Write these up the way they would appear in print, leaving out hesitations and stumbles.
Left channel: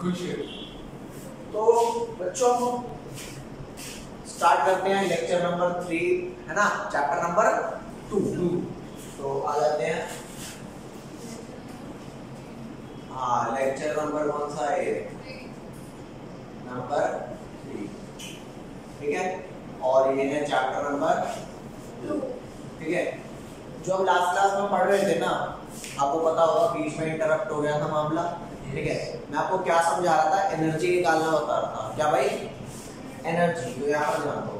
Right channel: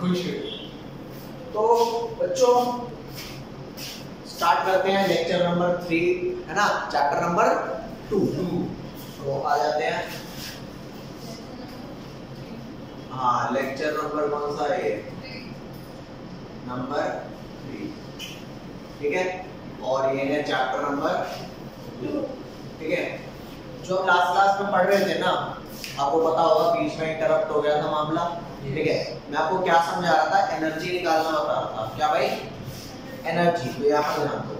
खुश। तो बच्चों स्टार्ट करते हैं लेक्चर नंबर 3, है ना, चैप्टर नंबर 2। तो आ जाते हैं। हाँ, लेक्चर नंबर कौन सा है ये? नंबर 3, ठीक है। और ये है चैप्टर नंबर 2, ठीक है। जो हम लास्ट क्लास में पढ़ रहे थे ना, आपको पता होगा बीच में इंटरप्ट हो गया था मामला, ठीक है। मैं आपको क्या समझा रहा था? एनर्जी निकालना बता रहा था। क्या भाई? एनर्जी। तो यहाँ पर ध्यान दो,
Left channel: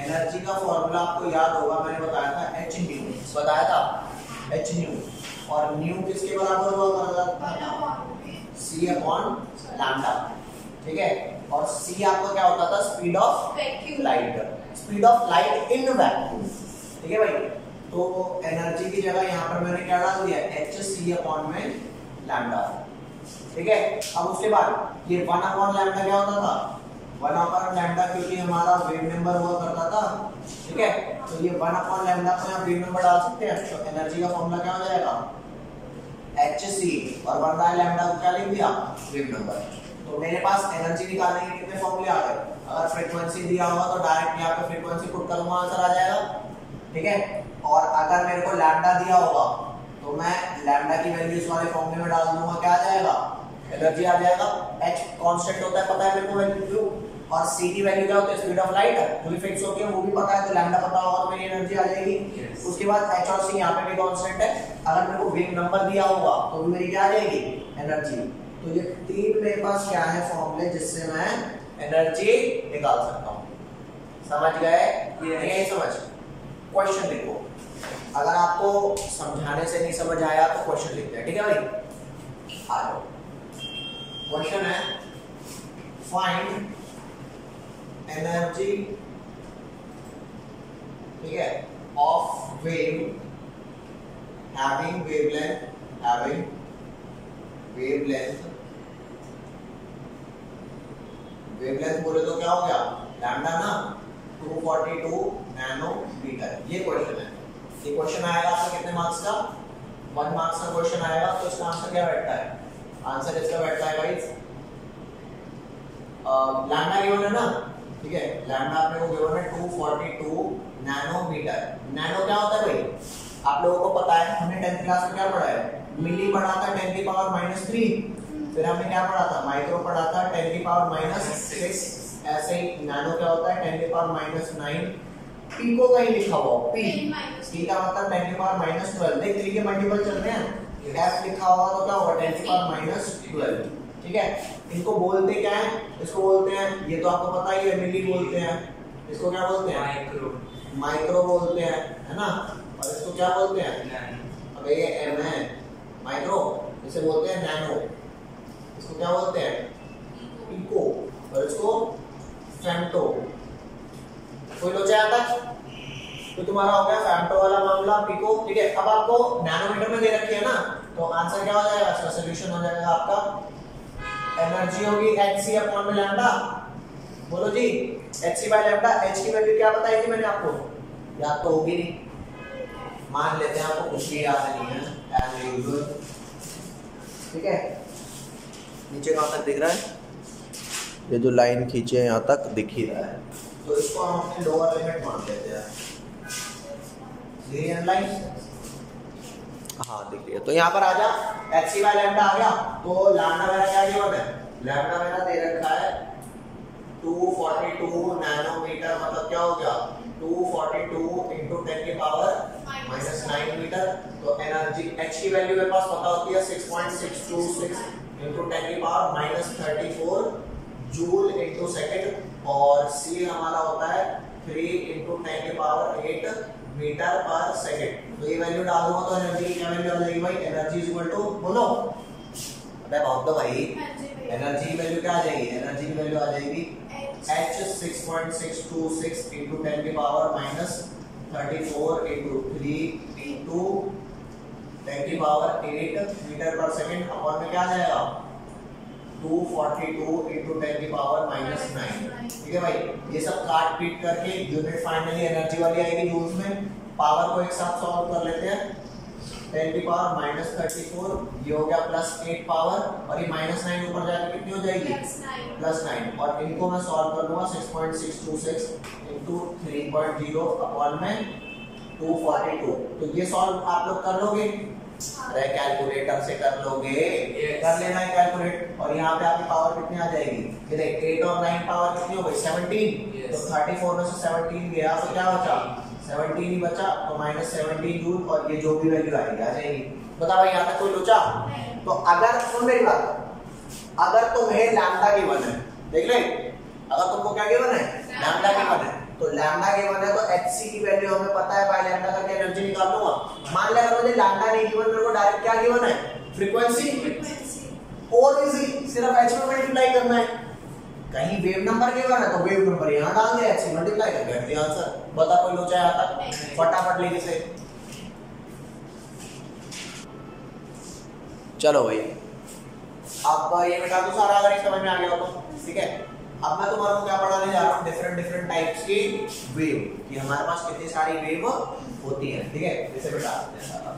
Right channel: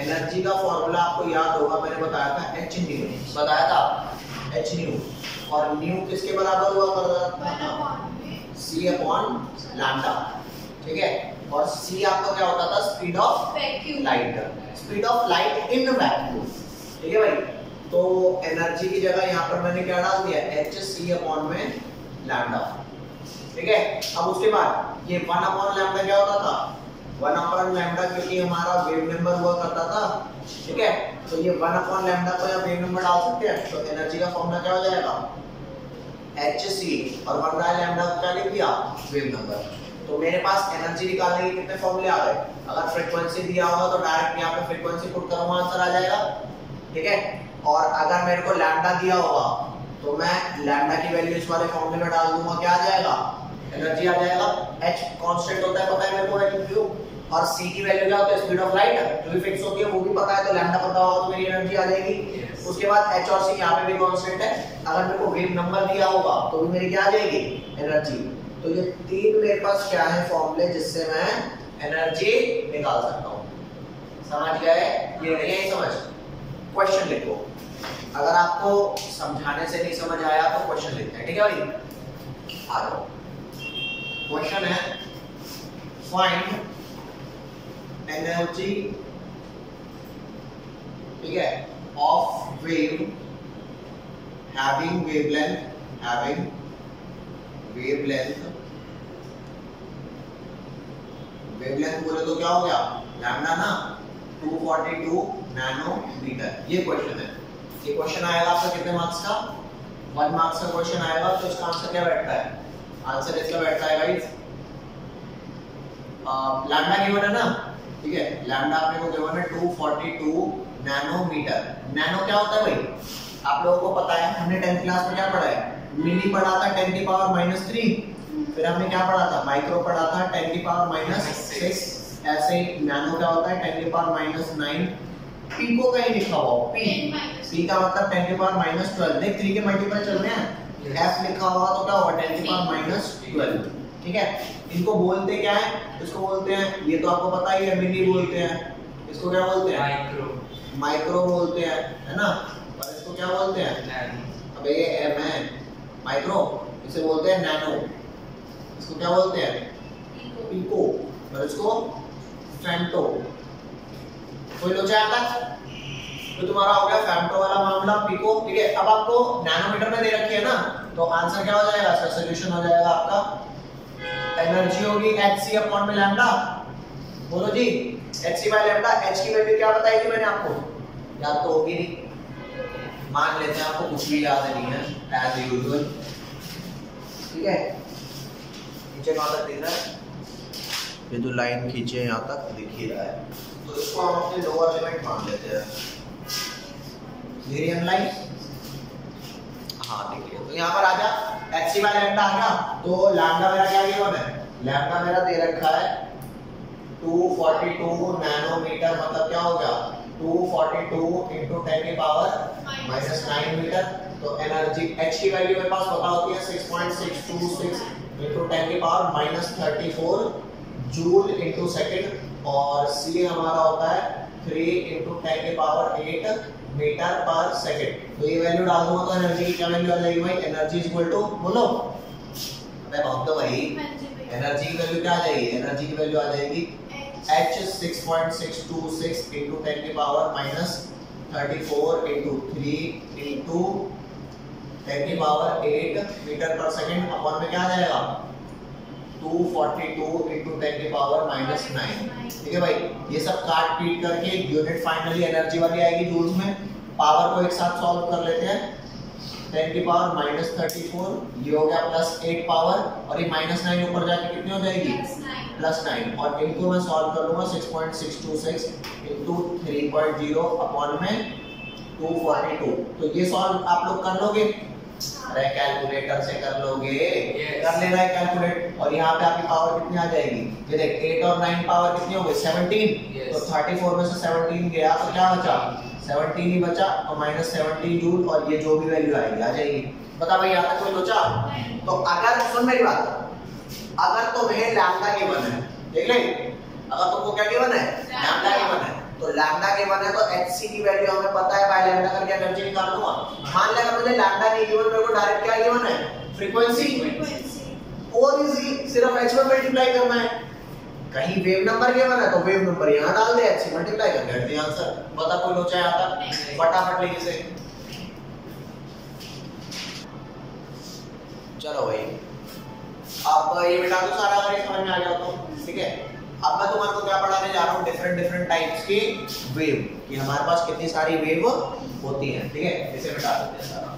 एनर्जी का फॉर्मूला आपको याद होगा, मैंने बताया था एच न्यू, बताया था एच न्यू। और न्यू किसके बराबर हुआ करता था? सी अपॉन लैम्डा, ठीक है। और सी आपका क्या होता था? Speed of light, speed of light in vacuum, ठीक है भाई। तो एनर्जी की जगह यहाँ पर मैंने क्या डाल दिया? एच सी अपॉन में लैम्डा, ठीक है। अब उसके बाद ये 1 अपॉन लैम्डा क्या होता था? 1 अपॉन लैम्डा, क्योंकि हमारा वेव नंबर हुआ करता था, ठीक है। तो ये 1 अपॉन लैम्डा को यहाँ वेव नंबर डाल सकते हैं। तो एनर्जी का फॉर्मूला क्या हो जाएगा? एच सी, और 1 बाय लैम्डा को क्या लिख दिया? Wave number. तो मेरे पास एनर्जी निकालने के कितने फॉर्मूले आ गए? अगर फ्रीक्वेंसी दिया होगा तो डायरेक्ट यहाँ पे फ्रीक्वेंसी पुट करूंगा, आंसर आ जाएगा, ठीक है। और अगर मेरे को लैम्डा दिया होगा तो मैं लैम्डा की वैल्यू इस वाले फॉर्मूले में डाल दूंगा, क्या आ जाएगा? एनर्जी आ जाएगा। h कांस्टेंट होता है, पता है मेरे को वैल्यू क्यों। और c की वैल्यू क्या होता है? स्पीड ऑफ लाइट, जो भी फिक्स होती है वो भी पता है, तो लैम्डा पता होगा तो मेरी एनर्जी आ जाएगी। उसके बाद h और c यहाँ पे भी कांस्टेंट है। अगर मेरे को वेव नंबर दिया होगा तो भी मेरी क्या आ जाएगी? एनर्जी। तो ये 3 मेरे पास क्या है फॉर्मूले, जिससे मैं एनर्जी निकाल सकता हूँ। समझ गए? ये नहीं है समझ? क्वेश्चन लिखो। अगर आपको समझाने से नहीं समझ आया तो क्वेश्चन लिखते हैं, ठीक है भाई। आ जाओ। क्वेश्चन है, फाइंड एनर्जी, ठीक है, ऑफ वेव हैविंग वेवलेंथ बोले तो क्या हो गया? लैम्डा ना, 242 नैनोमीटर। ये क्वेश्चन है। ये क्वेश्चन आएगा आपका कितने मार्क्स का? 1 मार्क्स का क्वेश्चन आएगा। तो इसका आंसर क्या बैठता है? आंसर इसका बैठता है गाइस, लैम्डा गिवन है ना, ठीक है। लैम्डा आपने को गिवन है 242 नैनोमीटर। नैनो क्या होता है भाई? आप लोगों को पता है, हमने 10th क्लास में क्या पढ़ा है? मिली पढ़ा था 10 की पावर -3। फिर हमने क्या पढ़ा था? माइक्रो पढ़ा था 10 की पावर -6। ऐसे ही नैनो क्या होता है? 10 की पावर -9। पीको कहीं लिखा हुआ हो, पी का मतलब 10 की पावर -12। देख 3 के मल्टीपल चल रहे हैं। f लिखा हुआ तो क्या होगा? 10 की पावर -12, ठीक है। इनको बोलते क्या है? इसको बोलते हैं, ये तो आपको पता ही है, मिली बोलते हैं। इसको क्या बोलते हैं? माइक्रो बोलते हैं, है ना। और इसको क्या बोलते हैं? अब ये m है माइक्रो, इसे बोलते हैं नैनो। इसको क्या बोलते हैं? पीको। और इसको फेम्टो। कोई लोचा आता? तो तुम्हारा हो गया फेम्टो वाला मामला, पीको, ठीक है। अब आपको नैनोमीटर में दे रखी है ना, तो आंसर क्या हो जाएगा? इसका सॉल्यूशन हो जाएगा आपका, एनर्जी होगी एच सी अपॉन में लैम्डा। बोलो जी, H C by lambda. H की वैल्यू क्या बताई थी मैंने आपको? याद तो होगी नहीं, मान लेते हैं आपको कुछ भी याद नहीं है, एज यूजुअल, ठीक है। नीचे कहां तक दिख रहा है? ये जो लाइन खींचे है यहाँ तक दिख ही रहा है। तो इसको हम अपनी लोअर लिमिट मान लेते हैं। लीनियर लाइन, हाँ दिख लिया। तो यहाँ पर आजा, एच सी बाय लैम्डा आ गया। तो लैम्डा मेरा क्या गिवन है? लैम्डा मेरा दे रखा है 242 नैनोमीटर। मतलब क्या हो गया? 242 इंटू 10 की पावर -9 मीटर। तो एनर्जी एच की वैल्यू मेरे पास पता होती है 6.626 इंटू 10 की पावर -34 जूल इंटू सेकेंड। और सी हमारा होता है 3 इंटू 10 की पावर 8 मीटर पर सेकेंड। तो ये वैल्यू डाल दूंगा तो एनर्जी की क्या वैल्यू आ जाएगी भाई? एनर्जी इज इक्वल टू, बोलो अबे बहुत तो भाई, एनर्जी की वैल्यू क्या आ जाएगी? एनर्जी की वैल्यू आ जाएगी h 6.626 इंटू 10 की पावर -34 इंटू 3 इंटू 10 की पावर 8 मीटर पर सेकेंड अपॉन में क्या आ जाएगा? 242 इंटू 10 की पावर -9, ठीक है भाई। ये सब काट पीट करके यूनिट फाइनली एनर्जी वाली आएगी जूल्स में। पावर को एक साथ सॉल्व कर लेते हैं। 10 की पावर -34, ये हो गया +8 पावर, और ये -9 ऊपर जाके कितनी हो जाएगी +9, और इनको मैं सॉल्व कर लूंगा 6.626 इनटू 3.0 अपॉन में 242। तो ये सॉल्व आप लोग कर लोगे? अरे कैलकुलेटर से कर लोगे, कर लेना है कैलकुलेट। और यहाँ पे आपकी पावर कितनी आ जाएगी? ये देख 8 और 9 पावर कितनी हो गई 17, तो 34 में से 17 गया तो क्या बचा? 17 ही बचा, तो -17 जूल, और ये जो भी वैल्यू आएगी आ जाएगी। बता भाई, यहाँ तक कोई सोचा? तो अगर सुन मेरी बात, अगर तुम्हें लैम्डा गिवन है, देख ले, अगर तुमको क्या गिवन है? लैम्डा गिवन है, तो लैम्डा गिवन है तो hc की वैल्यू हमें पता है, बाय लैम्डा करके एनर्जी निकाल लूंगा। मान लिया अगर मुझे लैम्डा नहीं गिवन, मेरे को डायरेक्ट क्या गिवन है? फ्रीक्वेंसी। और इजी, सिर्फ h में मल्टीप्लाई करना है। कहीं वेव नंबर गिवन है तो वेव नंबर यहाँ डाल दे, h से मल्टीप्लाई कर दे, आंसर। बता कोई लोचा यहाँ तक? फटाफट लिख इसे। चलो भाई, अब ये बेटा तो सारा अगर समझ में आ गया तो ठीक है। अब मैं तुम्हारे को क्या पढ़ाने जा रहा हूँ? डिफरेंट टाइप्स की वेव, कि हमारे पास कितनी सारी वेव होती हैं, ठीक है। इसे बता देते हैं सारा।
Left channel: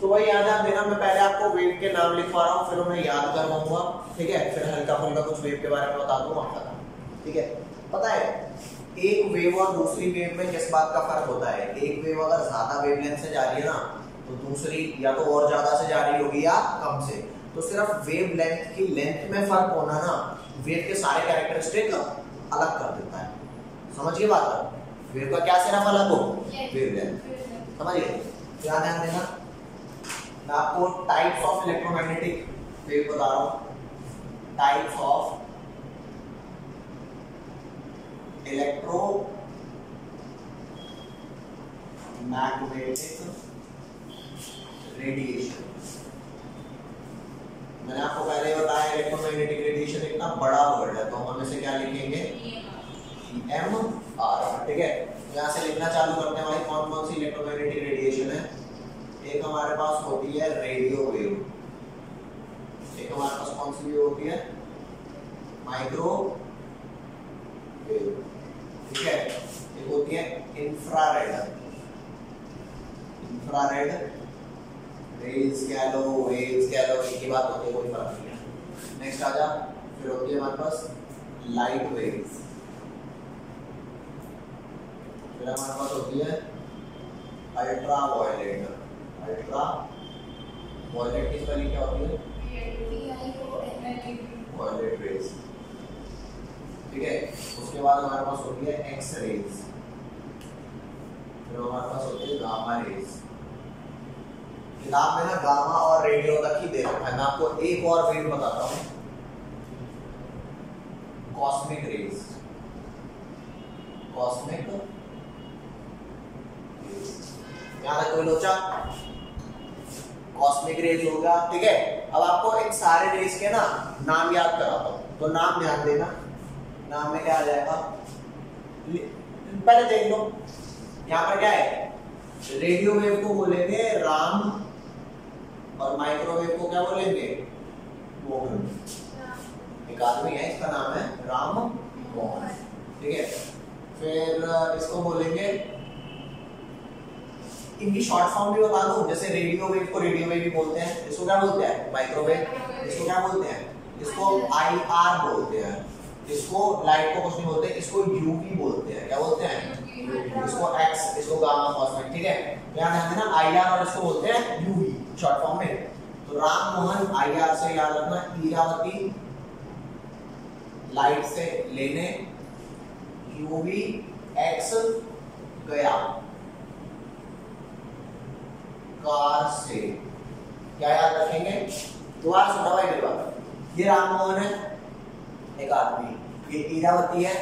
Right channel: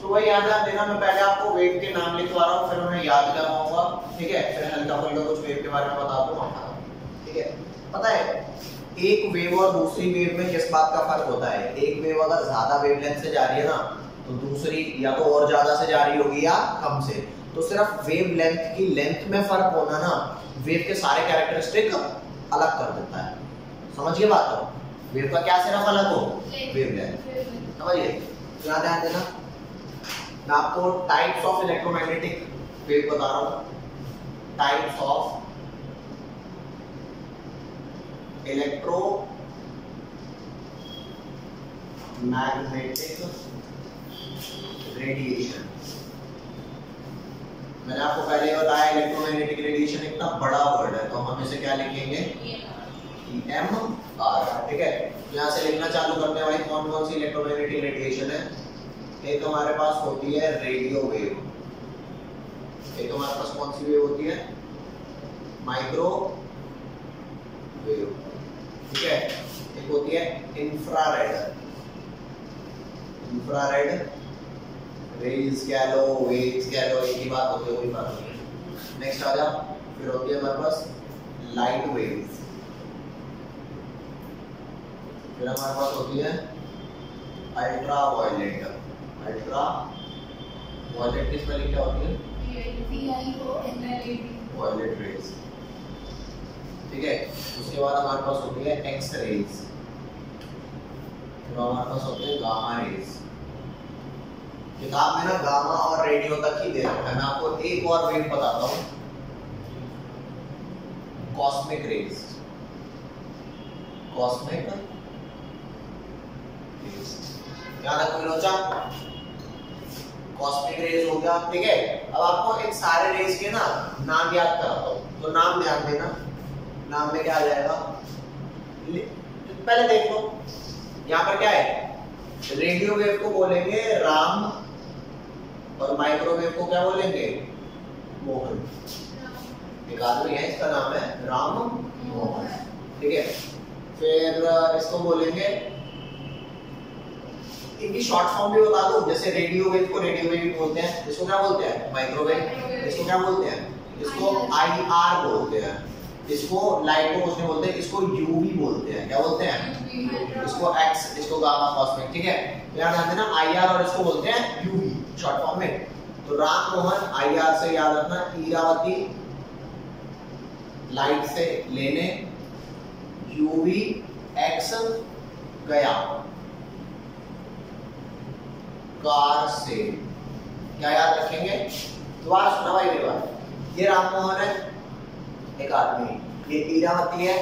तो वही याद रख देना, मैं पहले आपको वेव के नाम लिखवा रहा हूँ, फिर उन्हें याद करवाऊंगा, ठीक है। फिर हल्का फुल्का कुछ वेव के बारे में बता दूंगा, ठीक है। पता है एक वेव और दूसरी वेव में किस बात का फर्क होता है? एक वेव अगर ज्यादा वेवलेंथ से जा रही है ना, तो दूसरी या तो और ज्यादा से जा रही होगी या कम से। तो सिर्फ वेव लेंथ की लेंथ में फर्क होना ना वेव के सारे कैरेक्टरिस्टिक अलग कर देता है। समझिए बात? वेव का क्या सिर्फ अलग हो? वेव लेंथ, समझिए। ध्यान देना, मैं आपको टाइप्स ऑफ इलेक्ट्रोमैग्नेटिक वेव बता रहा हूं। Types of electro magnetic radiation. मैंने आपको पहले बताया इलेक्ट्रोमैग्नेटिक रेडिएशन इतना बड़ा वर्ड है, तो हम इसे क्या लिखेंगे? EMR, ठीक है। यहां से लिखना चालू करते हैं भाई, कौन कौन सी इलेक्ट्रोमैग्नेटिक रेडिएशन है। एक हमारे पास होती है रेडियो वेव, एक हमारे पास कौन सी वेव होती है? माइक्रो वेव, ठीक है। एक होती है इंफ्रारेड, इंफ्रारेड रेज कह लो, वेव्स कह लो, एक ही बात होती है, कोई फर्क नहीं है। नेक्स्ट आ जा, फिर होती है हमारे पास लाइट वेव्स, फिर हमारे पास होती है अल्ट्रा वायलेट। अल्ट्रा वायलेट की स्पेलिंग क्या होती है? वायलेट रेज, ठीक है। उसके बाद हमारे पास होती है एक्स रेज, फिर हमारे पास होते हैं गामा रेज। किताब में ना गामा और रेडियो तक ही दे रखा है, मैं आपको एक और वेव बताता हूं, कॉस्मिक रेज। कॉस्मिक रेज, यहाँ तक कोई लोचा? कॉस्मिक रेज हो गया, ठीक है। अब आपको इन सारे रेज के ना नाम याद कराता हूं, तो नाम ध्यान देना। नाम में क्या आ जाएगा? पहले देख लो, यहाँ पर क्या है? रेडियो वेव को बोलेंगे राम, और माइक्रोवेव को क्या बोलेंगे? मोहन। एक आदमी है, इसका नाम है राम मोहन, ठीक है। फिर इसको बोलेंगे, इनकी शॉर्ट फॉर्म भी बता दूं, जैसे रेडियो वेव को रेडियो वेव भी बोलते हैं, इसको क्या बोलते हैं? माइक्रोवेव। इसको क्या बोलते हैं? इसको IR बोलते हैं। इसको लाइट को कुछ नहीं बोलते, इसको UV बोलते हैं। क्या बोलते हैं? इसको X, इसको गामा, कॉस्मिक, ठीक है। ध्यान देना, IR और इसको बोलते हैं UV शॉर्ट फॉर्म में। तो राम मोहन IR से याद रखना, ईरावती लाइट से लेने, UV X गया कार से। क्या याद रखेंगे? दोबारा सुना भाई मेरी बात। ये राम मोहन है, एक आदमी, ये ईरावती है,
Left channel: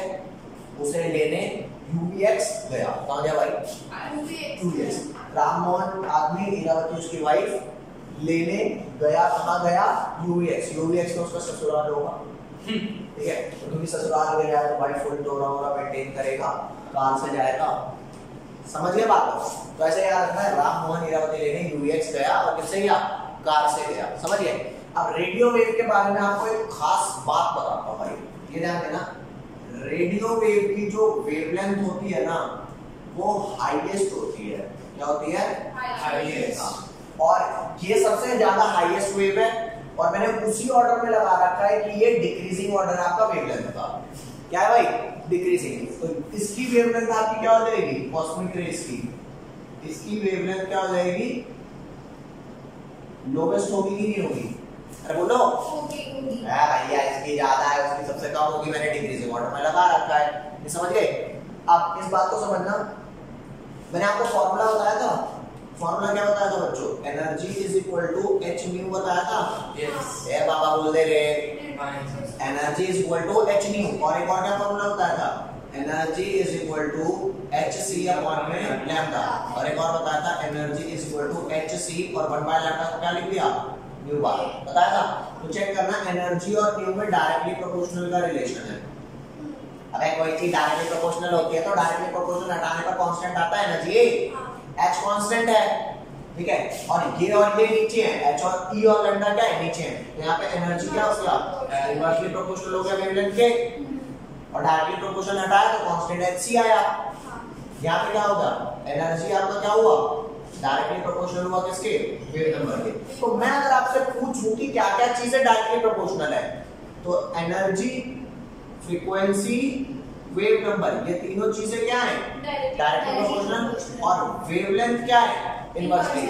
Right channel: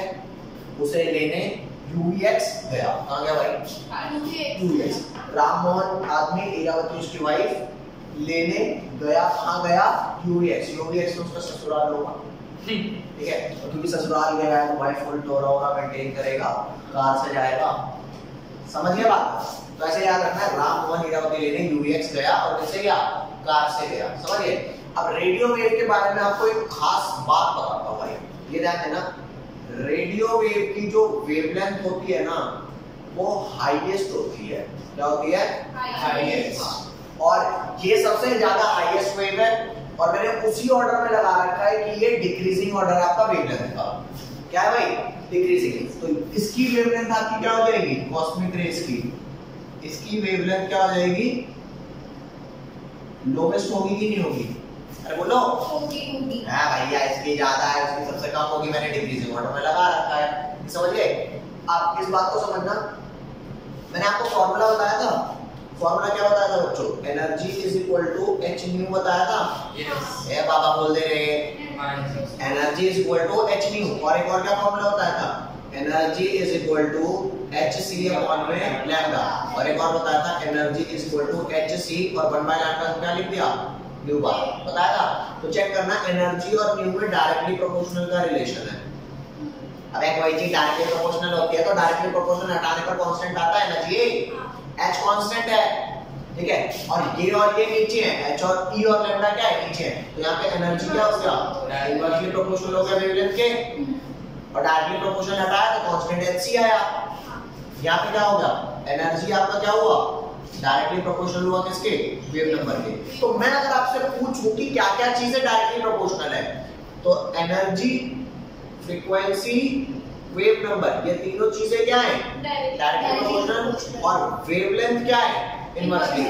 उसे लेने UVX गया। कहाँ गया भाई? UVX। राम मोहन आदमी, ईरावती उसकी वाइफ, लेने गया, कहाँ गया? UVX। UVX तो उसका ससुराल होगा, ठीक है, तो क्योंकि ससुराल गया है तो भाई फुल टोरा वोरा मेंटेन करेगा, कार से जाएगा, समझ गए बात। तो ऐसे याद रखना है, राम मोहन हीरावती लेने यूएक्स गया और किससे गया, कार से गया, समझ गए। अब रेडियो वेव के बारे में आपको एक खास बात बताता हूँ भाई, ये ध्यान देना, रेडियो वेव की जो वेवलेंथ होती है ना वो हाईएस्ट होती है। क्या होती है, हाईएस्ट। और ये सबसे ज्यादा हाईएस्ट वेव है और मैंने उसी ऑर्डर में लगा रखा है कि ये डिक्रीजिंग ऑर्डर है आपका वेवलेंथ का। क्या है भाई, डिक्रीजिंग। तो इसकी वेवलेंथ आपकी क्या हो जाएगी, कॉस्मिक रेज की, इसकी वेवलेंथ क्या हो जाएगी, लोवेस्ट होगी कि नहीं होगी, अरे बोलो होगी। हां भैया इसकी ज्यादा है, उसकी सबसे कम होगी, मैंने डिक्रीजिंग ऑर्डर में लगा रखा है, ये समझ गए। अब इस बात को समझना, मैंने आपको फार्मूला बताया था, फार्मूला क्या बताया था बच्चों, energy is equal to H nu बताया था। यस ए बाबा बोल दे रहे, energy is equal to H nu, और एक और क्या फार्मूला बताया था, energy is equal to H C upon में लैम्डा, और एक और बताया था energy is equal to H C और 1 बाय लैम्डा क्या लिख दिया, न्यू बार बताया था। तो चेक करना, एनर्जी और न्यू में डायरेक्टली प्रोपोर्शनल का रिलेशन है। अबे कोई चीज डायरेक्टली प्रोपोर्शनल होती है तो डायरेक्टली प्रोपोर्शनल हटाने पर कांस्टेंट आता है ना जी, h कांस्टेंट है, ठीक है, और ये नीचे है, h और e और लैम्डा क्या है, नीचे है, तो यहाँ पे एनर्जी क्या हो गया, इनवर्सली प्रोपोर्शनल हो गया वेवलेंथ के, और डायरेक्टली प्रोपोर्शनल हटाया तो कांस्टेंट hc आया। यहाँ पे क्या होगा, एनर्जी आपका क्या हुआ, डायरेक्टली प्रोपोर्शनल हुआ किसके, वेव नंबर के। तो मैं अगर आपसे पूछूं कि क्या क्या चीजें डायरेक्टली प्रोपोर्शनल है, तो एनर्जी, फ्रीक्वेंसी, वेव नंबर, ये तीनों चीजें क्या है, डायरेक्टली प्रोपोर्शनल, और वेवलेंथ क्या है, इनवर्सली।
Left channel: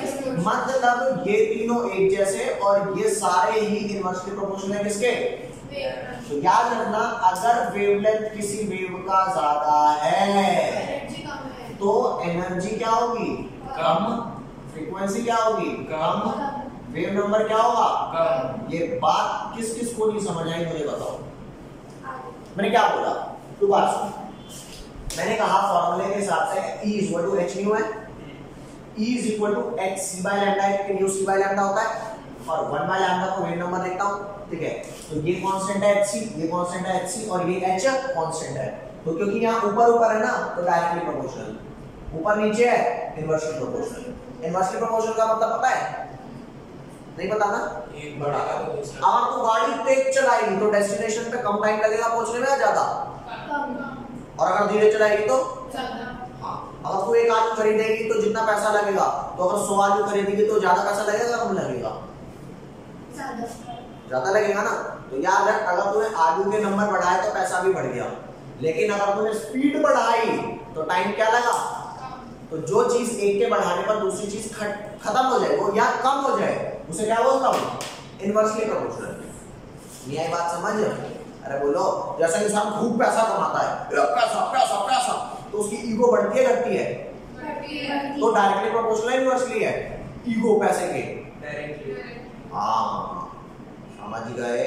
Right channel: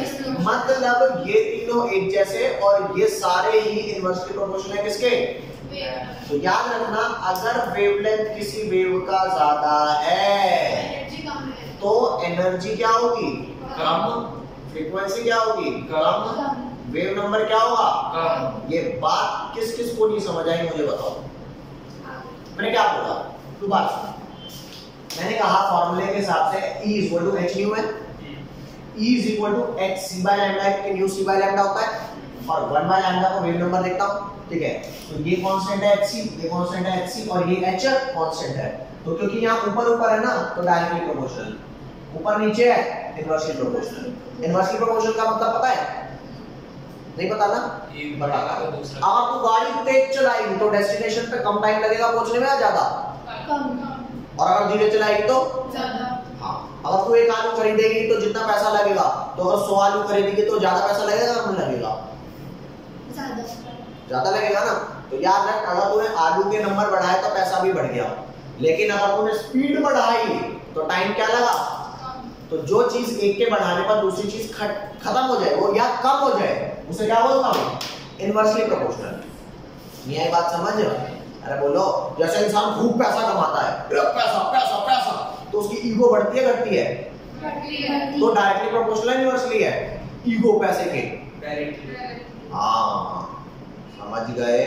मतलब ये तीनों एक जैसे और ये सारे ही इनवर्सली प्रोपोर्शनल है किसके, तो याद रखना, अगर वेवलेंथ किसी वेव का ज्यादा है तो एनर्जी क्या होगी, कम, फ्रीक्वेंसी क्या होगी, कम, वेव नंबर क्या होगा, कम। ये बात किस किस को नहीं समझ आई मुझे बताओ, मैंने क्या बोला, तू बात सुन। मैंने कहा फॉर्मूले के हिसाब से E is equal to H nu है, E is equal to H C by lambda, कि न्यू सी बाय लैम्डा होता है, और 1 बाय लैम्डा को वेव नंबर देखता हूं, ठीक है, तो ये कांस्टेंट है hc, ये कांस्टेंट है hc, और ये h कांस्टेंट है, तो क्योंकि यहां ऊपर ऊपर है ना तो डायरेक्टली प्रोपोर्शनल, ऊपर नीचे है इनवर्सली प्रोपोर्शनल। इनवर्सली प्रोपोर्शनल का मतलब पता है, नहीं पता ना, बता। अगर तू गाड़ी तेज चलाएगी तो डेस्टिनेशन पे कम टाइम लगेगा पहुंचने में या ज्यादा, और अगर धीरे चलाएगी तो ज्यादा। हाँ, अगर तू एक आलू खरीदेगी तो जितना पैसा लगेगा, तो अगर 100 आलू खरीदेगी तो ज्यादा पैसा लगेगा, कम लगेगा, ज्यादा लगेगा ना। तो याद रख, अगर तूने आलू के नंबर बढ़ाए तो पैसा भी बढ़ गया, लेकिन अगर तूने स्पीड बढ़ाई तो टाइम क्या लगा। तो जो चीज एक के बढ़ाने पर दूसरी चीज खत्म हो जाए वो या कम हो जाए, उसे क्या बोलता हूँ, इनवर्सली प्रोपोर्शनल। ये बात समझ, अरे बोलो, जैसे इंसान खूब पैसा कमाता है, पैसा पैसा पैसा, तो उसकी ईगो बढ़ती है घटती है, तो डायरेक्टली प्रोपोर्शनल इनवर्सली है ईगो पैसे के, हाँ समझ गए,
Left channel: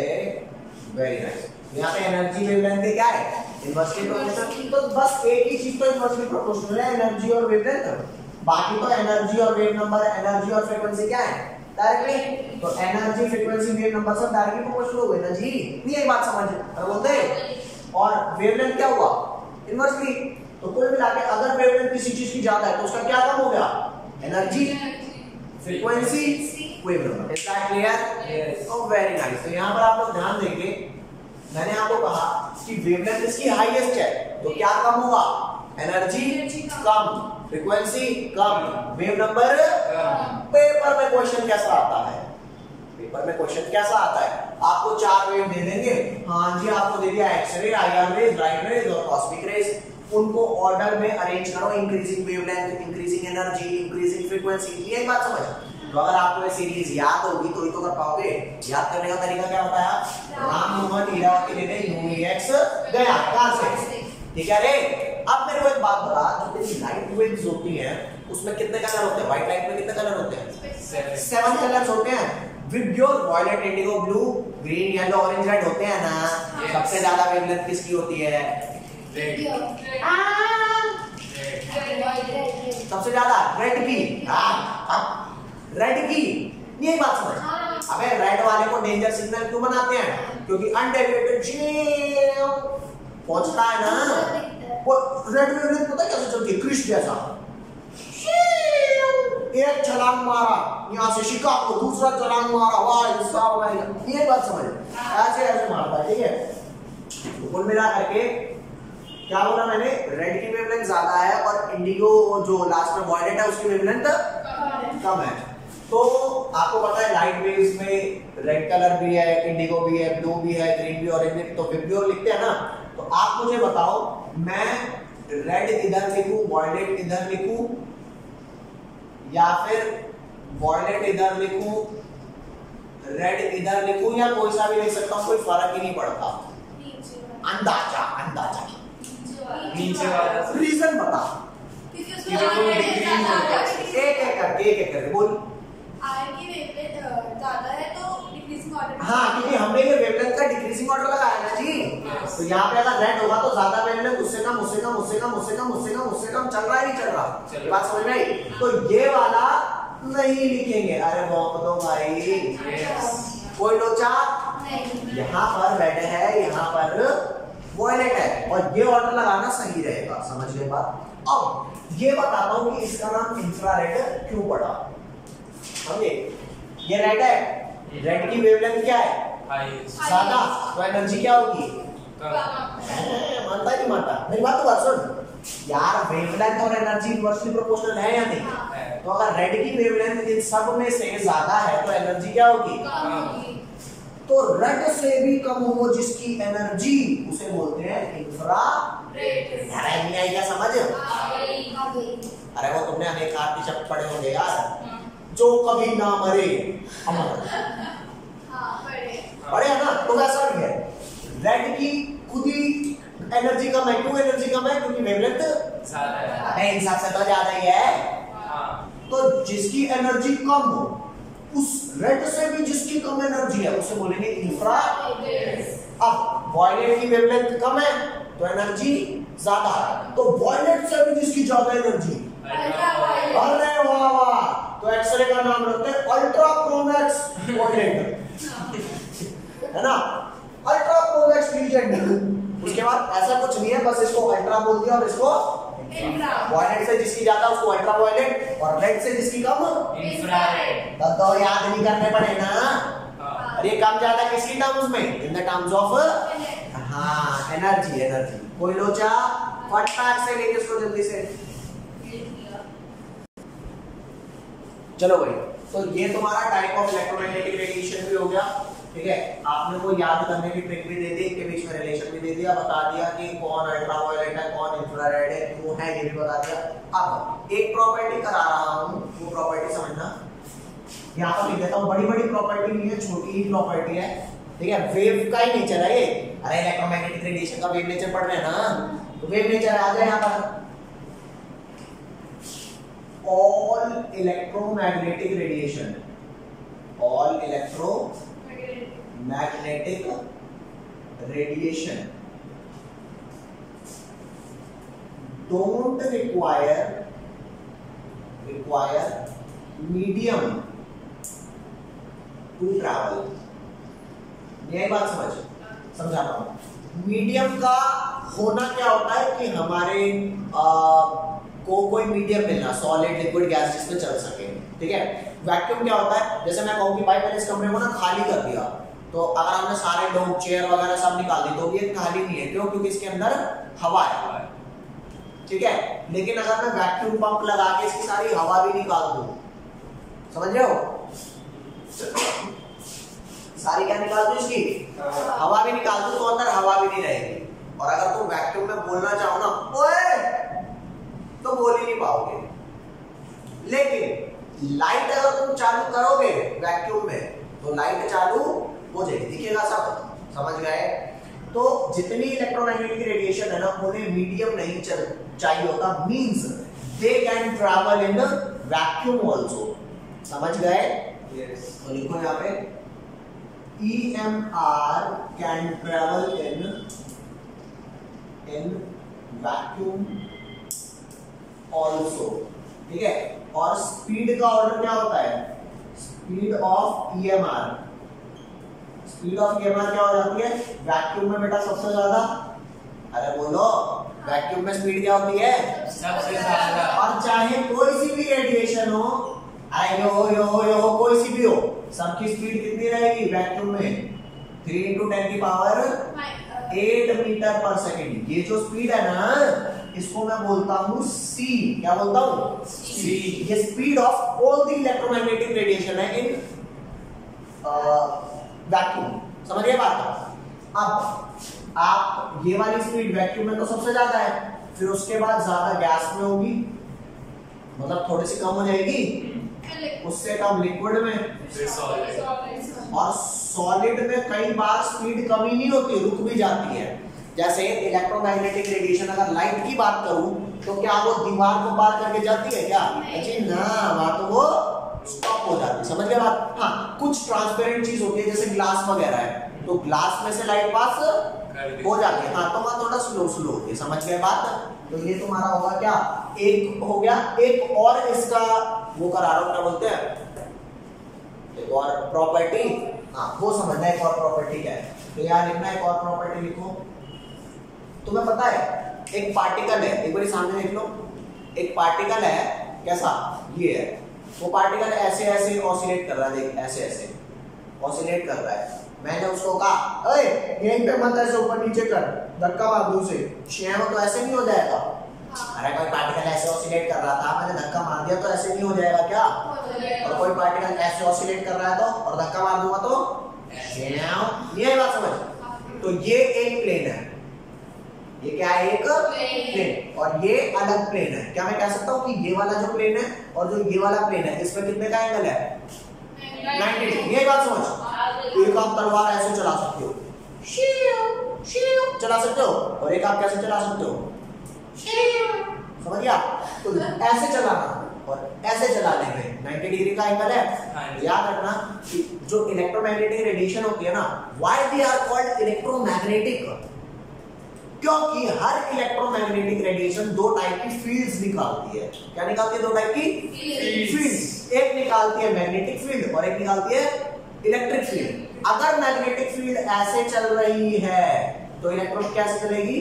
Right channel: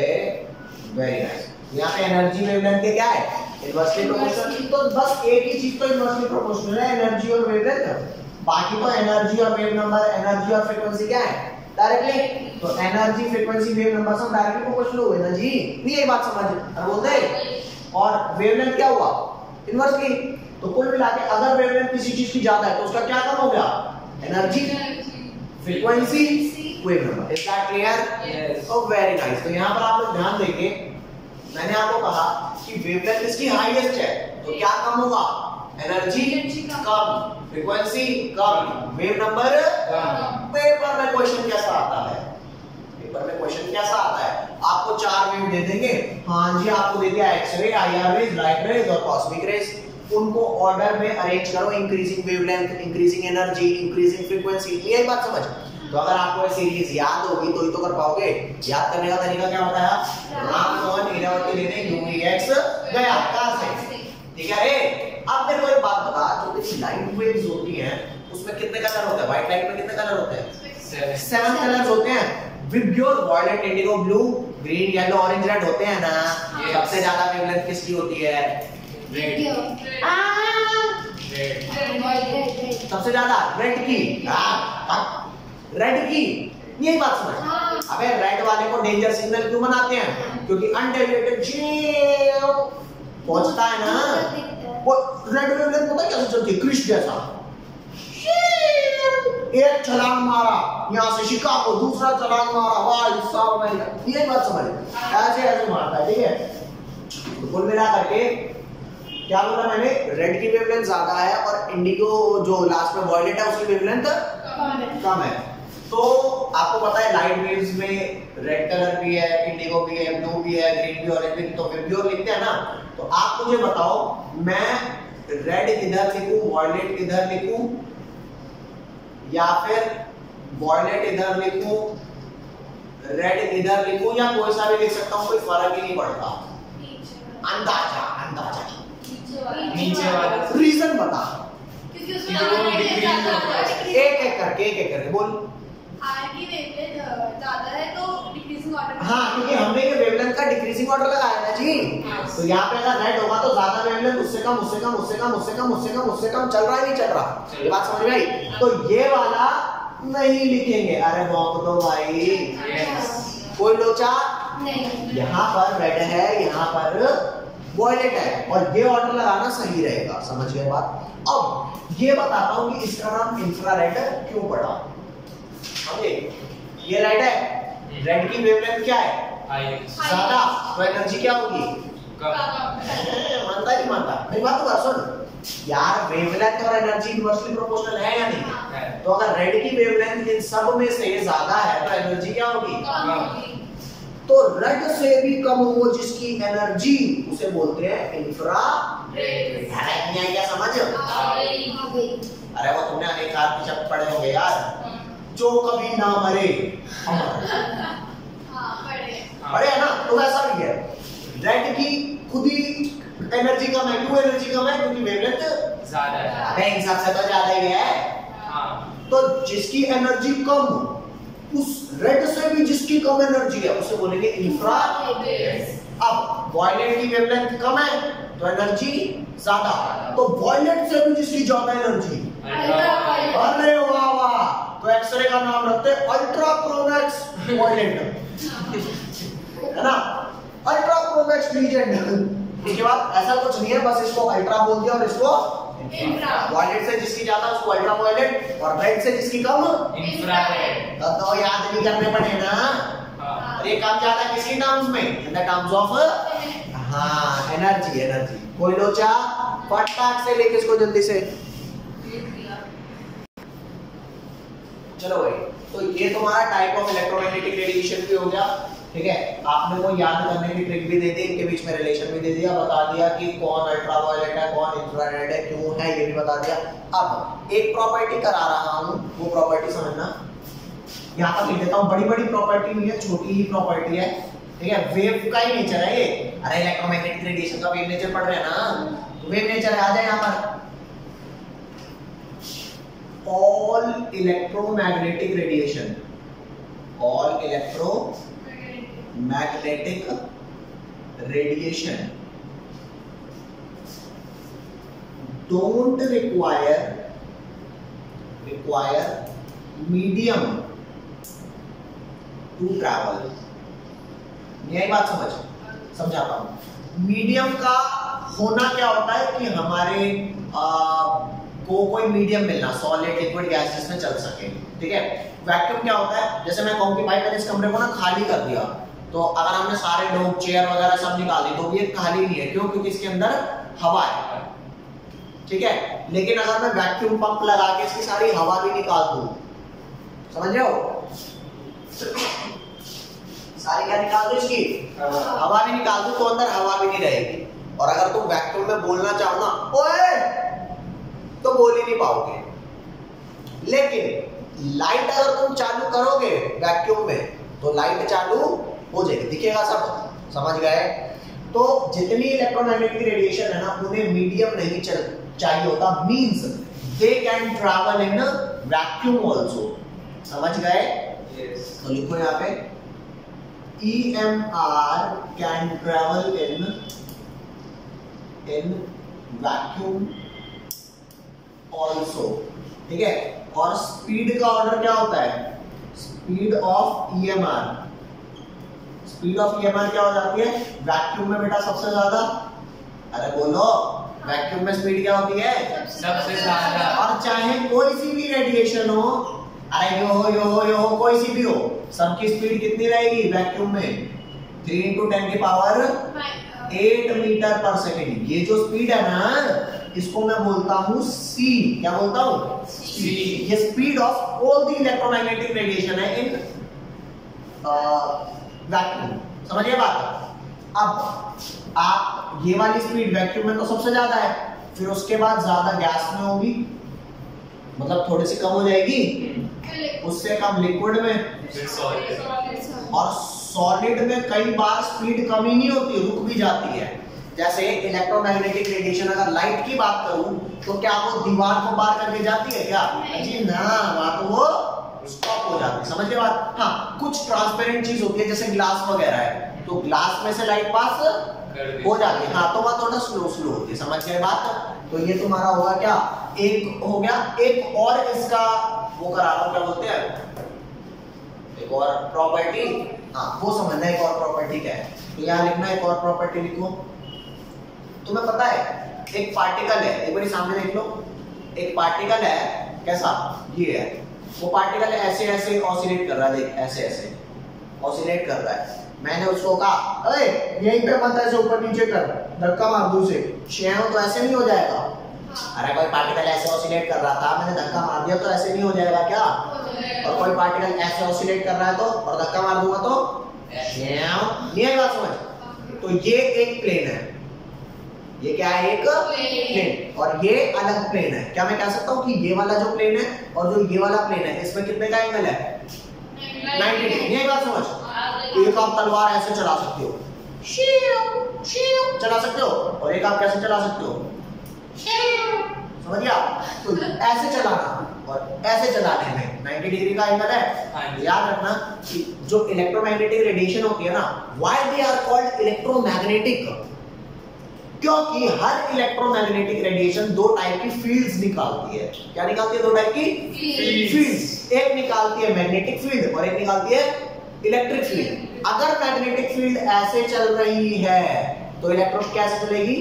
वेरी नाइस। यहाँ पे एनर्जी वेवलेंथ के क्या है, इनवर्सली प्रोपोर्शनल। तो बस एक ही चीज तो इनवर्सली प्रोपोर्शनल है, एनर्जी और वेवलेंथ, बाकी तो एनर्जी और वेव नंबर, एनर्जी और फ्रीक्वेंसी क्या है, डायरेक्टली। तो एनर्जी, फ्रीक्वेंसी, वेव नंबर सब डायरेक्टली प्रोपोर्शनल हुए ना जी, नहीं यही बात समझ, अरे बोलते। और वेवलेंथ क्या हुआ, इनवर्सली। तो कुल मिला के अगर वेवलेंथ किसी चीज की ज्यादा है तो उसका क्या कम हो गया, energy, frequency, wave number. Is that clear? Oh very nice. तो यहाँ पर आप लोग ध्यान देंगे, मैंने आपको कहा कि वेवलेंथ इसकी हाईएस्ट है तो क्या कम होगा, एनर्जी कम, फ्रीक्वेंसी कम, वेव नंबर कम। पेपर में क्वेश्चन कैसा आता है, पेपर में क्वेश्चन कैसा आता है, आपको 4 वेव दे देंगे, हाँ जी आपको दे दिया x ray, IR rays, light rays और कॉस्मिक रेज, उनको ऑर्डर में अरेंज करो, increasing wavelength, increasing energy, increasing frequency, यही बात समझ। तो अगर आपको ये सीरीज याद होगी तो ही तो कर पाओगे। याद करने का तरीका क्या बताया, राम मोहन हीरावती लेने यूएक्स गया, कहां से, ठीक है रे। अब मेरे को एक बात बता, जो तेरी लाइट वेव्स होती हैं उसमें कितने कलर होते हैं, व्हाइट लाइट में कितने कलर होते हैं, 7 कलर्स होते हैं। VIBGYOR, violet, indigo, blue, green, yellow, orange, red होते हैं ना। सबसे ज्यादा वेवलेंथ किसकी होती है, रेड। सबसे ज्यादा रेड की, रेड की, यही बात समझ। अबे रेड वाले को डेंजर सिग्नल क्यों बनाते हैं? क्योंकि अनडेविएटेड पहुंचता है ना, वो रेड वेवलेंथ पता कैसे चलती है? क्रिश जैसा। एक छलांग मारा यहाँ से शिकागो, दूसरा छलांग मारा वाह साउथ अमेरिका, ये बात समझ, ऐसे ऐसे मारता है, ठीक है। तो कुल मिला करके क्या बोला मैंने? रेड की वेवलेंथ ज्यादा है और इंडिगो जो लास्ट में वॉयलेट है उसकी वेवलेंथ कम है। तो आपको पता है लाइट वेव्स में रेड कलर भी है, इंडिगो भी है, ब्लू भी है, ग्रीन भी, ऑरेंज भी, तो विब्ग्योर लिखते हैं ना। तो आप मुझे बताओ, मैं रेड इधर लिखूं, वॉयलेट इधर लिखूं, या फिर वॉयलेट इधर लिखूं, रेड इधर लिखूं, या कोई सा भी लिख सकता हूं, कोई फर्क ही नहीं पड़ता। अंदाजा अंदाजा नीचे वाला रीजन बता, क्योंकि उसमें एक एक करके बोल। आर की वेवलेंथ ज्यादा है तो डिक्रीजिंग ऑर्डर। हाँ, क्योंकि हमने ये वेवलेंथ का डिक्रीजिंग ऑर्डर लगाया ना जी। तो यहाँ पे अगर रेड होगा तो ज्यादा वेवलेंथ, उससे कम, उससे कम, उससे कम, उससे कम, उससे कम, उससे कम, चल रहा है, नहीं चल रहा? ये बात समझ में आई? तो ये वाला नहीं लिखेंगे। अरे भौंक दो भाई, कोई लोचा नहीं। यहाँ पर रेड है, यहाँ पर वॉयलेट है, और ये ऑर्डर लगाना सही रहेगा। समझ गए बात? अब ये बताता हूँ कि इसका नाम इंफ्रारेड क्यों पड़ा। समझे? ये रेड है, रेड की वेवलेंथ क्या है? ज्यादा, तो एनर्जी क्या होगी? मानता नहीं मानता? मेरी बात तो बात सुन यार, वेवलेंथ और एनर्जी इनवर्सली प्रोपोर्शनल है या नहीं? तो अगर रेड की वेवलेंथ इन सब में से ज्यादा है तो एनर्जी क्या होगी? तो रेड से भी कम हो जिसकी एनर्जी, उसे बोलते हैं इंफ्रारेड। नहीं आई क्या समझ? अरे वो तुमने अनेक शब्द पढ़े होंगे यार, जो कभी ना मरे अमर। पढ़े है ना? तो वैसा भी है, रेड की खुद ही एनर्जी कम है। क्यों एनर्जी कम है? क्योंकि वेवलेंथ ज्यादा है। इन सबसे तो ज्यादा ही है। तो जिसकी एनर्जी कम हो, उस रेड से भी जिसकी कम एनर्जी है, उसे बोलेंगे इंफ्रारेड। अब वॉयलेट की वेवलेंथ कम है तो एनर्जी ज्यादा, तो वॉयलेट से भी जिसकी ज्यादा एनर्जी, अरे वाह वाह, तो एक्सरे का नाम रखते हैं अल्ट्रा प्रोमैक्स वॉयलेट, है ना? Ultra Pro Max legend. उसके बाद ऐसा कुछ नहीं है, बस इसको अल्ट्रा बोल दिया और इसको वॉयलेट से जिसकी ज्यादा उसको अल्ट्रा वॉयलेट, और रेड से जिसकी कम इंफ्रारेड। तब तो याद नहीं करने पड़े ना। और ये कम ज्यादा किसकी टर्म्स में? इन द टर्म्स ऑफ हाँ एनर्जी। एनर्जी कोई लोचा फटाक से लेके इसको जल्दी से। चलो भाई, तो ये तुम्हारा टाइप ऑफ इलेक्ट्रोमैग्नेटिक रेडिएशन भी हो गया, ठीक है। आपने वो याद करने की ट्रिक भी दे दी, इनके बीच में रिलेशन भी दे दिया, बता दिया कि कौन अल्ट्रावायलेट है, कौन इंफ्रारेड है, क्यों है, ये भी बता दिया। अब एक प्रॉपर्टी करा रहा हूं, वो प्रॉपर्टी समझना। यहाँ तक लिख देता हूँ, बड़ी बड़ी प्रॉपर्टी नहीं है, छोटी ही प्रॉपर्टी है, ठीक है। वेव का ही नेचर है ये। अरे इलेक्ट्रोमैग्नेटिक रेडिएशन का वेव नेचर पढ़ रहे हैं ना, तो वेव नेचर आ जाए यहाँ पर। All electromagnetic radiation, all electromagnetic radiation don't require medium to travel। यही बात समझाता हूं। मीडियम का होना क्या होता है कि हमारे को कोई मीडियम मिलना, सॉलिड लिक्विड गैस जिसमें चल सके, ठीक है। वैक्यूम क्या होता है? जैसे मैं कहूं कि भाई मैंने इस कमरे को ना खाली कर दिया, तो अगर हमने सारे लोग चेयर वगैरह सब निकाल दी तो भी ये खाली नहीं है। क्यों? क्योंकि इसके अंदर हवा है, ठीक है। लेकिन अगर मैं वैक्यूम पंप लगा के इसकी सारी हवा भी निकाल दूं, समझ रहे हो? सारी क्या निकाल दूं? इसकी हवा भी निकाल दूं तो अंदर हवा भी नहीं रहेगी। और अगर तुम वैक्यूम में बोलना चाहो ना ओए, तो बोल ही नहीं पाओगे। लेकिन लाइट अगर तुम चालू करोगे वैक्यूम में, तो लाइट चालू हो जाएगी, दिखेगा सब। समझ गए? तो जितनी इलेक्ट्रोमैग्नेटिक रेडिएशन है ना, उन्हें मीडियम नहीं चाहिए होता, means they can travel in vacuum also. समझ गए? तो लिखो यहाँ पे EMR can travel in vacuum also, ठीक है। और स्पीड का ऑर्डर क्या होता है? Speed of EMR, speed of EMR क्या हो जाती है वैक्यूम में बेटा सबसे ज्यादा, अरे बोलो वैक्यूम में स्पीड क्या होती है सबसे ज्यादा। और चाहे कोई सी भी रेडिएशन हो, अरे यो हो कोई सी भी हो, सबकी स्पीड कितनी रहेगी वैक्यूम में 3 × 10 की पावर 8 मीटर पर सेकेंड। ये जो स्पीड है ना इसको मैं बोलता हूं सी, क्या बोलता हूं सी। ये speed of all the electromagnetic radiation है इन वैक्यूम, समझिए बात। अब आप ये वाली स्पीड वैक्यूम में तो सबसे ज्यादा है, फिर उसके बाद ज्यादा गैस में होगी, मतलब थोड़ी सी कम हो जाएगी, उससे कम लिक्विड में, फिर सॉलिड। और सॉलिड में कई बार स्पीड कम ही नहीं होती, रुक भी जाती है। जैसे इलेक्ट्रोमैग्नेटिक रेडिएशन, अगर लाइट की बात करूं तो क्या वो दीवार को पार करके जाती है क्या? जी ना, वहां तो वो स्टॉप हो जाती है, समझ गए बात। हाँ, कुछ ट्रांसपेरेंट चीज होती है जैसे ग्लास वगैरह है, तो ग्लास में से लाइट पास हो जाती है, हाँ, तो वहां थोड़ा स्लो होती है, समझ गए बात। तो ये तुम्हारा होगा क्या, एक हो गया। एक और इसका वो करा रहा हूं, क्या बोलते हैं, एक और प्रॉपर्टी, हाँ वो समझना एक और प्रॉपर्टी क्या है। तो यहाँ लिखना एक और प्रॉपर्टी लिखो। तुम्हें पता है एक पार्टिकल है, एक बार सामने देख लो, एक पार्टिकल है कैसा, ये है, वो पार्टिकल ऐसे ऐसे ऑसिलेट कर रहा है, देख ऐसे ऐसे ऑसिलेट कर रहा है। मैंने उसको कहा अरे यहीं पे मत ऐसे ऊपर नीचे कर, धक्का मार दूं उसे, शेव तो ऐसे नहीं हो जाएगा। अरे कोई पार्टिकल ऐसे ऑसिलेट कर रहा था, मैंने धक्का मार दिया तो ऐसे नहीं हो जाएगा क्या? और कोई पार्टिकल ऐसे ऑसिलेट कर रहा है तो, और धक्का मार दूंगा तो नहीं आई बात समझ। तो ये एक प्लेन है, ये क्या है, एक प्लेन, और ये अलग प्लेन है। क्या मैं कह सकता हूँ कि ये वाला जो प्लेन है और जो ये वाला प्लेन है, इसमें कितने का एंगल है 90 डिग्री। ये बात समझ। एक आप तलवार ऐसे चला सकते हो, चला सकते हो, और एक आप कैसे चला सकते हो, समझ गया? तो ऐसे चलाना और ऐसे चलाने में 90 डिग्री का एंगल है। याद रखना कि जो इलेक्ट्रोमैग्नेटिक रेडिएशन होती है ना, why they are called electromagnetic, क्योंकि हर इलेक्ट्रोमैग्नेटिक रेडिएशन दो टाइप की फील्ड्स निकालती है। क्या निकालती है? दो टाइप की फील्ड्स। एक निकालती है मैग्नेटिक फील्ड और एक निकालती है इलेक्ट्रिक फील्ड। अगर मैग्नेटिक फील्ड ऐसे चल रही है तो इलेक्ट्रॉन कैसे चलेगी,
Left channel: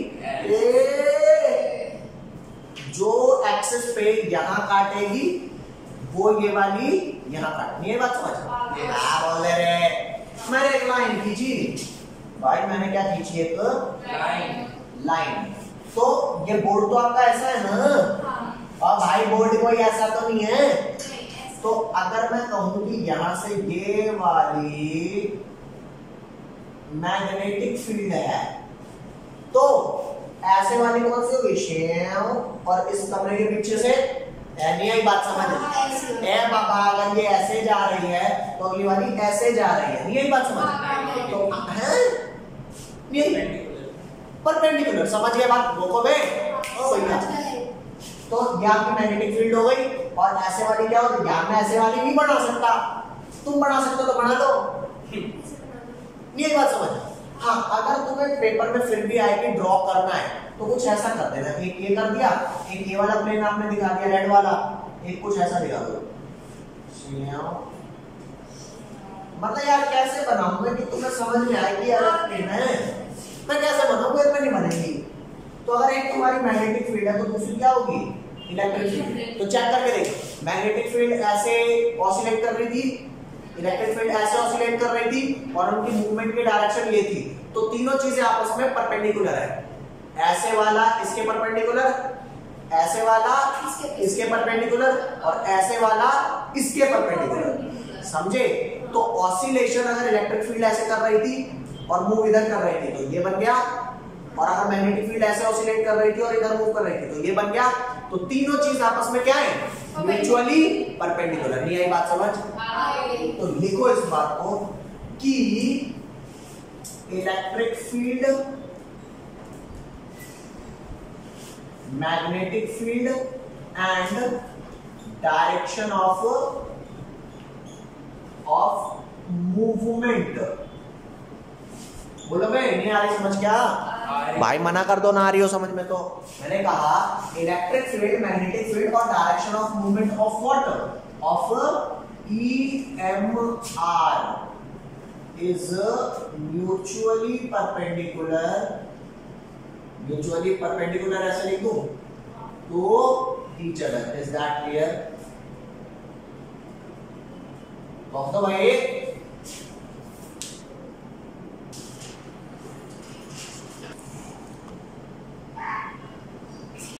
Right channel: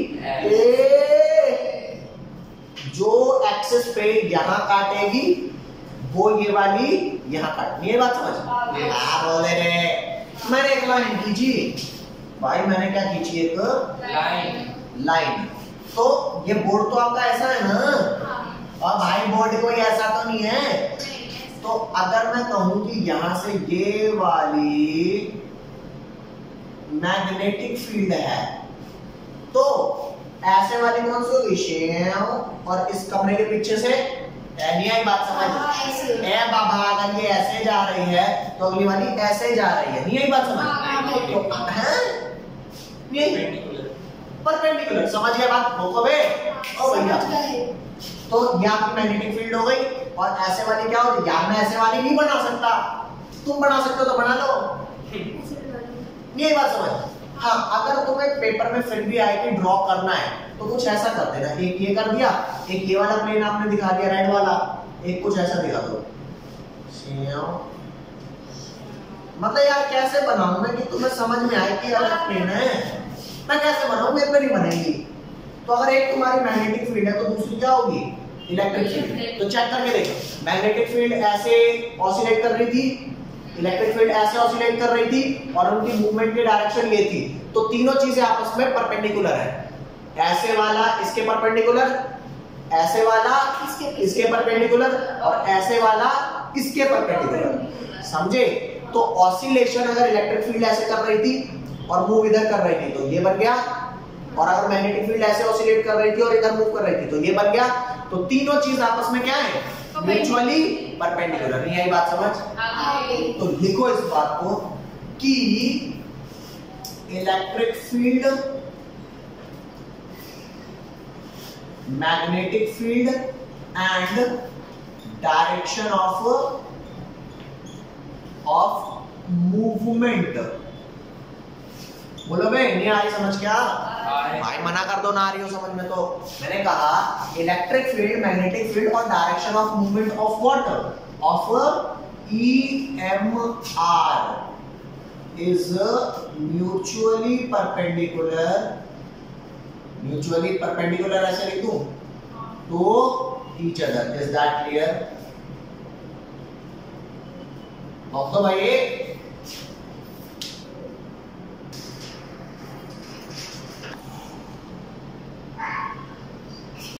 जो एक्सिस पे यहां काटेगी वो ये वाली यहां काटनी है। बात समझ? क्या बोल रे, मैंने एक लाइन खींची भाई, मैंने क्या खींची, एक लाइन। तो ये बोर्ड तो आपका ऐसा है ना, और भाई बोर्ड कोई ऐसा तो नहीं है। तो अगर मैं कहूं कि यहां से ये वाली मैग्नेटिक फील्ड है, तो ऐसे वाली कौन सी होगी, शेव, और इस कमरे के पीछे से नहीं आई बात समझ। ए बाबा, अगर ये ऐसे जा रही है तो अगली वाली ऐसे जा रही है, नहीं आई बात समझ। तो परपेंडिकुलर, समझ गए बात, बोको बे ओ भैया। तो यहाँ पे मैग्नेटिक फील्ड हो गई, और ऐसे वाली क्या होगी, यहाँ मैं ऐसे वाली नहीं बना सकता, तुम बना सकते हो तो बना लो, ये बात समझ। हाँ, अगर तुम्हें पेपर में फिर भी आए कि ड्रॉ करना है तो कुछ ऐसा कर देना, एक ये कर दिया, एक ये वाला प्लेन आपने दिखा दिया रेड वाला, एक कुछ ऐसा दिखा दो। मतलब यार कैसे बनाऊं मैं कि तुम्हें समझ में आए कि अलग प्लेन है, मैं कैसे बनाऊं, मेरे पे नहीं बनेगी। तो अगर एक तुम्हारी मैग्नेटिक फील्ड है तो दूसरी क्या होगी, इलेक्ट्रिक फील्ड। तो चेक करके देखो, मैग्नेटिक फील्ड ऐसे ऑसिलेट कर रही थी, इलेक्ट्रिक फील्ड ऐसे ऑसिलेट कर रही थी, और उनकी मूवमेंट की डायरेक्शन ये थी। तो तीनों चीजें आपस में परपेंडिकुलर है, ऐसे वाला इसके परपेंडिकुलर, ऐसे वाला इसके परपेंडिकुलर, और ऐसे वाला इसके परपेंडिकुलर, समझे? तो ऑसिलेशन अगर इलेक्ट्रिक फील्ड ऐसे कर रही थी और मूव इधर कर रही थी तो ये बन गया, और अगर मैग्नेटिक फील्ड ऐसे ऑसिलेट कर रही थी और इधर मूव कर रही थी तो ये बन गया। तो तीनों चीज आपस में क्या है, म्यूचुअली परपेंडिकुलर। नहीं आई बात समझ? तो लिखो इस बात को कि electric field, magnetic field and direction of movement. बोलो भाई, नहीं आ रही समझ क्या? भाई मना कर दो, ना आ रही हो समझ में। तो मैंने कहा इलेक्ट्रिक फील्ड, मैग्नेटिक फील्ड और direction of movement of water, of EMR is mutually perpendicular ऐसे लिख दूं तो each other. Is that clear? तो भाई